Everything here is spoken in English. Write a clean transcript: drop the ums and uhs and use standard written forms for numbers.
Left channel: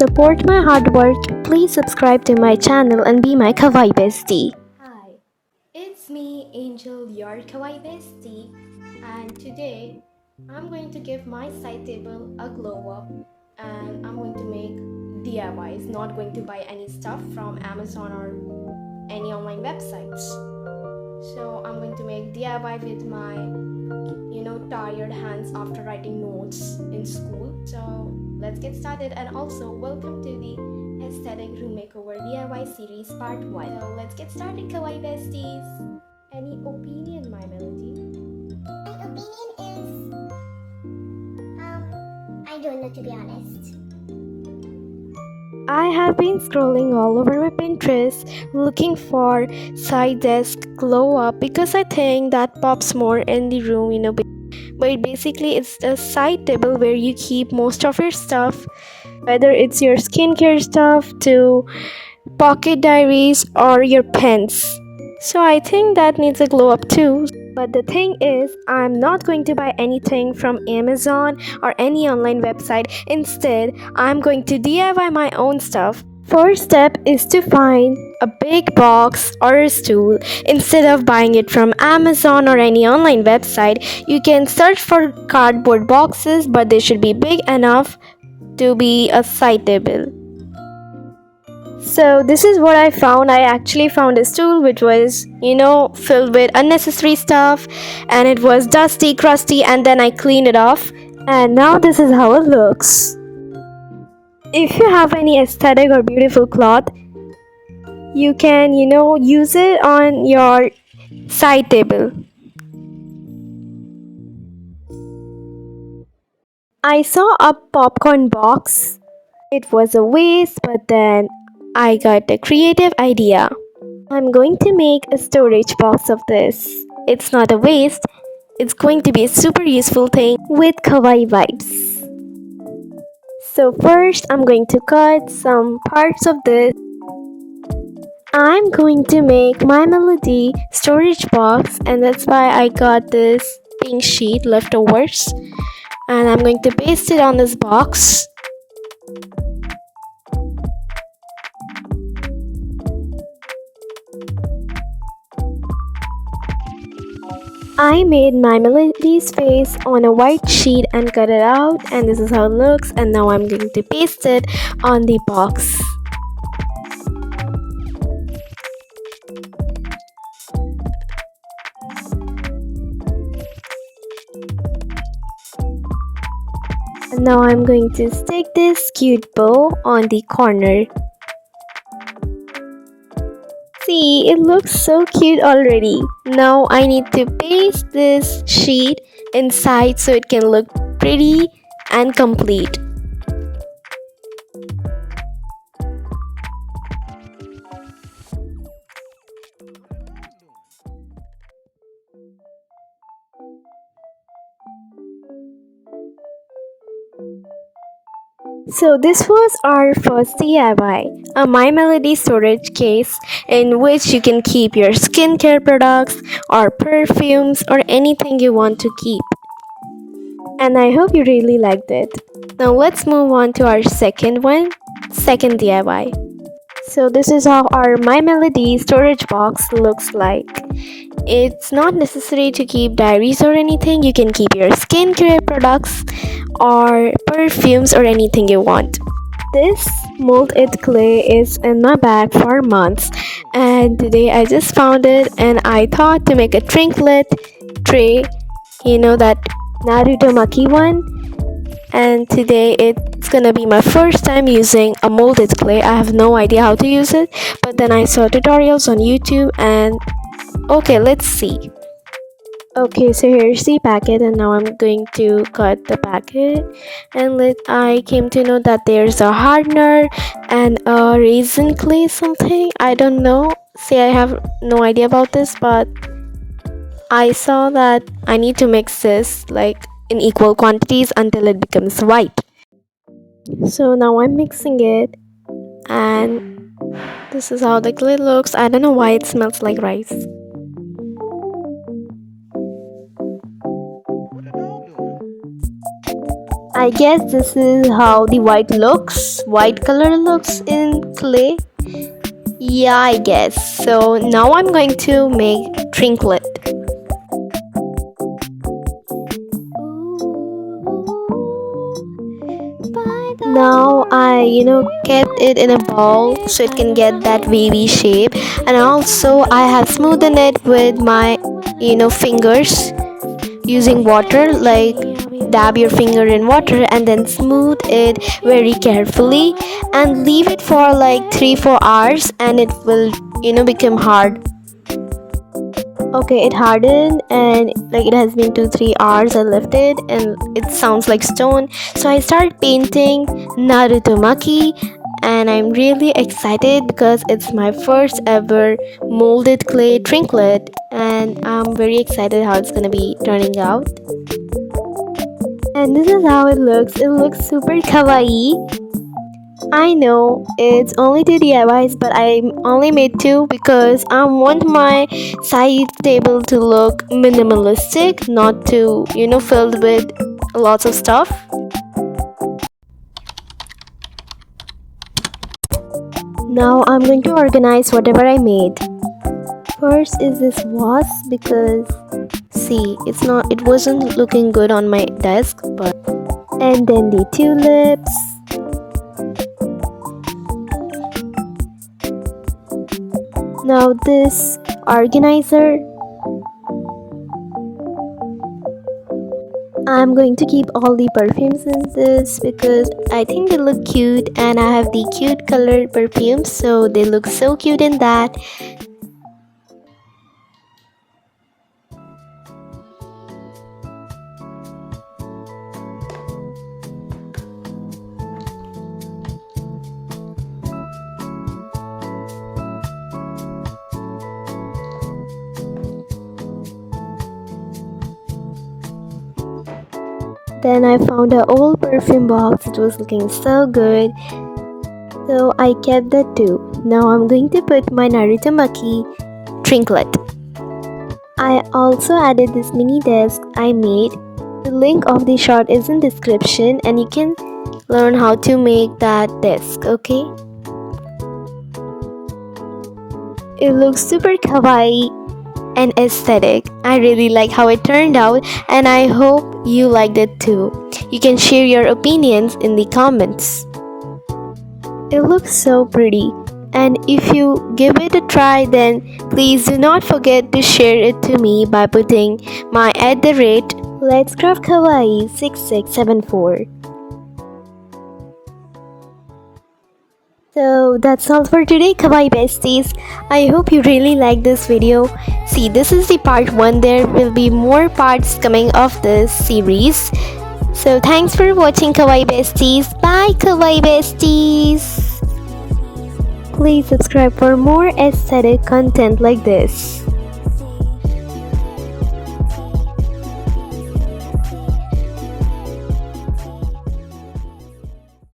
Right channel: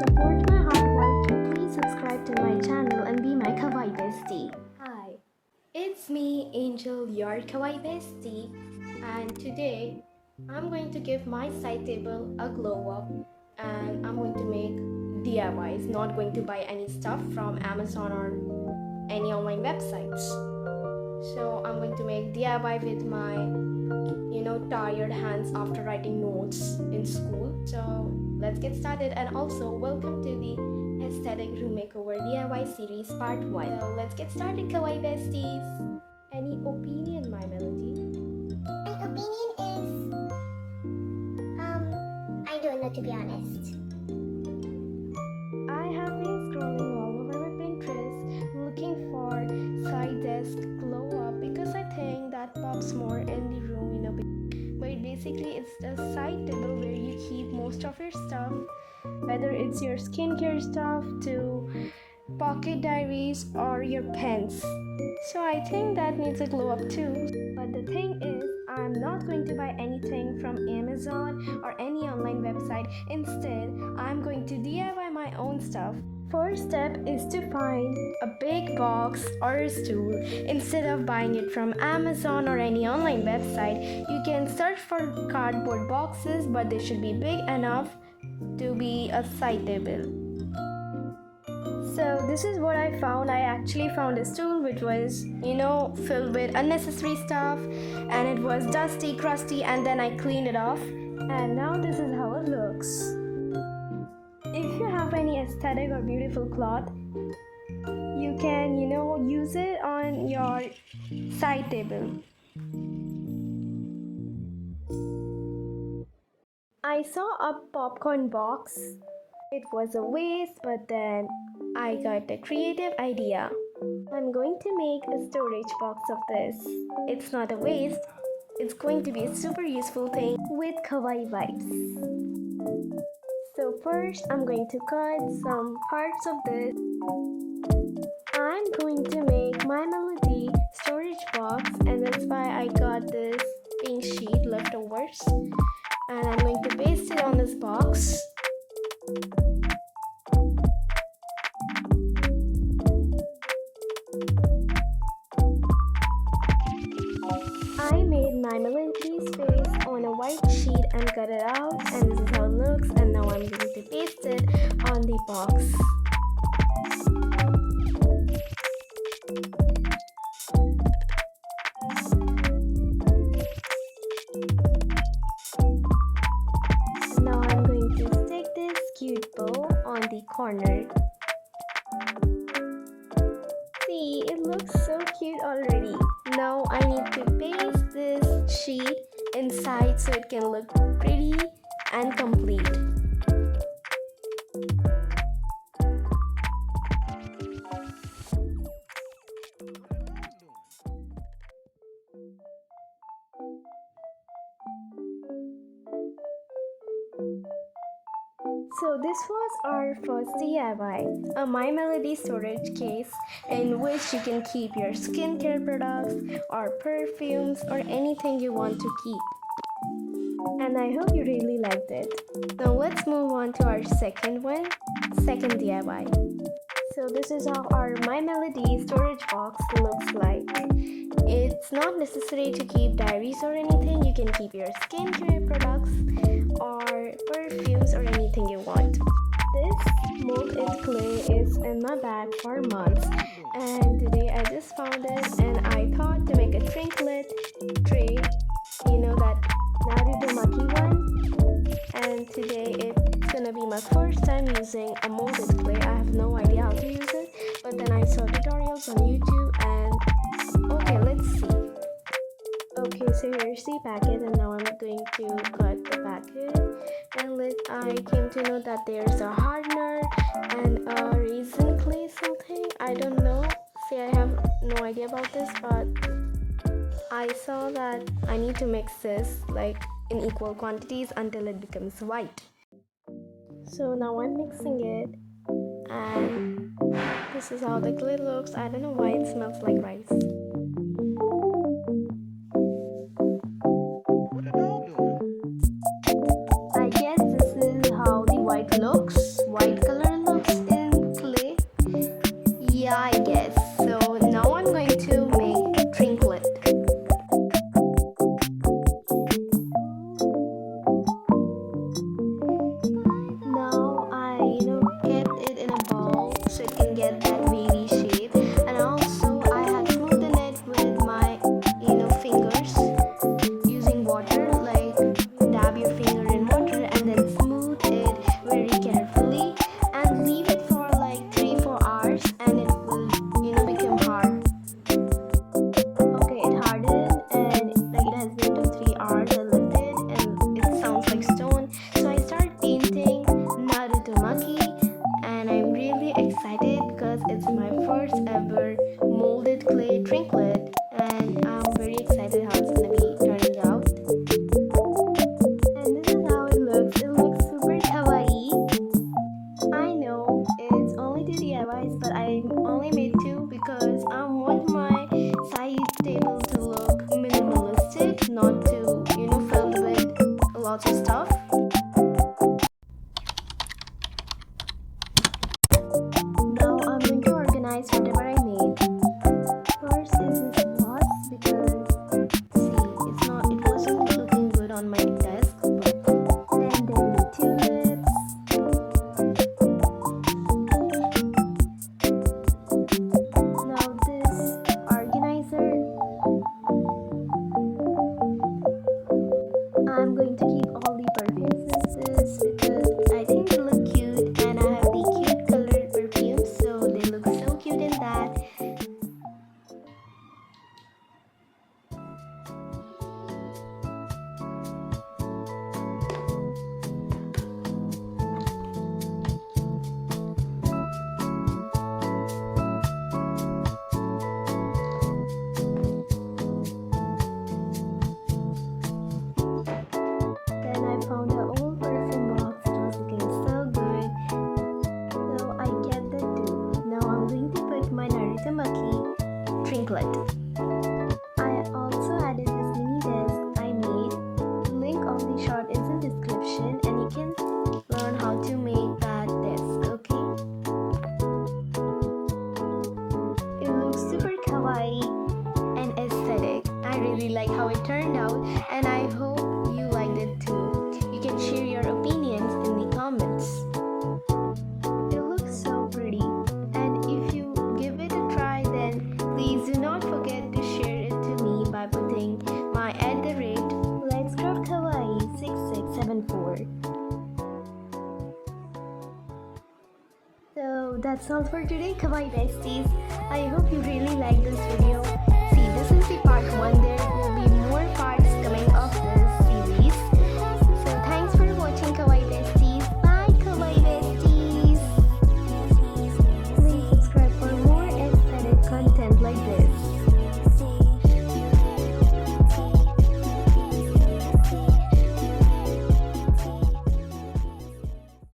support my hard work, please subscribe to my channel and be my kawaii bestie. Hi, it's me, Angel, your kawaii bestie, and today I'm going to give my side table a glow up and I'm going to make DIYs, not going to buy any stuff from Amazon or any online websites. So I'm going to make DIY with my tired hands after writing notes in school. So let's get started, and also welcome to the aesthetic room makeover DIY series part 1. So let's get started, kawaii besties. Any opinion, my melody? My opinion is, I don't know, to be honest. I have been scrolling all over my Pinterest looking for side desk glow up because I think that pops more in the room, But basically, it's a side table where you keep most of your stuff, whether it's your skincare stuff to pocket diaries or your pens. So I think that needs a glow up too. But the thing is, I'm not going to buy anything from Amazon or any online website. Instead, I'm going to DIY my own stuff. First step is to find a big box or a stool. Instead of buying it from Amazon or any online website, you can search for cardboard boxes, but they should be big enough to be a side table. So this is what I found. I actually found a stool which was, filled with unnecessary stuff, and it was dusty, crusty, and then I cleaned it off. And now this is how it looks. If you have any aesthetic or beautiful cloth, you can, use it on your side table. I saw a popcorn box. It was a waste, but then I got a creative idea. I'm going to make a storage box of this. It's not a waste, it's going to be a super useful thing with kawaii vibes. So first, I'm going to cut some parts of this. I'm going to make my melody storage box, and that's why I got this pink sheet leftovers, and I'm going to paste it on this box. I made my melody's face on a white sheet and cut it out, and this is how it looks. And now I'm going to paste it on the box. And now I'm going to stick this cute bow on the corner. See, it looks so cute already. Now I need to paste this sheet inside so it can look pretty and complete. So this was our first DIY, a My Melody storage case in which you can keep your skincare products or perfumes or anything you want to keep. And I hope you really liked it. Now let's move on to our second DIY. So this is how our My Melody storage box looks like. It's not necessary to keep diaries or anything. You can keep your skincare products or perfumes or anything you want. This molded clay is in my bag for months, and today I just found it and I thought to make a trinket tray, that Naruto Maki one. And today it's gonna be my first time using a molded clay. I have no idea how to use it, but then I saw tutorials on YouTube and okay, let's see. Okay, so here's the packet, and now I'm going to cut the packet. And I came to know that there's a hardener and a resin clay something. I don't know. See, I have no idea about this, but I saw that I need to mix this like in equal quantities until it becomes white. So now I'm mixing it, and this is how the clay looks. I don't know why it smells like rice. I I guess this is how the white color looks in clay. Yeah, I guess. So now I'm going to make trinket. Now I kept it in a bowl so it can get that wavy shape, and also I have smoothened it with my fingers using water. Like, dab your finger in water and then smooth it very carefully and leave it for like 3-4 hours, and it will become hard. Okay, it hardened, and like it has been 2-3 hours. I left it and it sounds like stone. So I started painting Naruto Maki, and I'm really excited because it's my first ever molded clay trinket, and I'm very excited how it's gonna be turning out. And this is how it looks. It looks super kawaii. I know it's only 2 DIYs, but I only made 2 because I want my side table to look minimalistic, not to filled with lots of stuff. Now I'm going to organize whatever I made. First is this vase, because see, it wasn't looking good on my desk, and then the tulips. Now this organizer, I'm going to keep all the perfumes in this because I think they look cute, and I have the cute colored perfumes, so they look so cute in that. Then I found an old perfume box. It was looking so good, so I kept that too. Now I'm going to put my Naruto Maki trinket. I also added this mini desk I made. The link of the shot is in description, and you can learn how to make that desk, okay? It looks super kawaii and aesthetic. I really like how it turned out, and I hope you liked it too. You can share your opinions in the comments. It looks so pretty, and if you give it a try, then please do not forget to share it to me by putting my @Let's Craft Kawaii 6674. So that's all for today, Kawaii Besties. I hope you really like this video. See, this is the part 1. There will be more parts coming of this series. So thanks for watching, Kawaii Besties. Bye, Kawaii Besties. Please subscribe for more aesthetic content like this.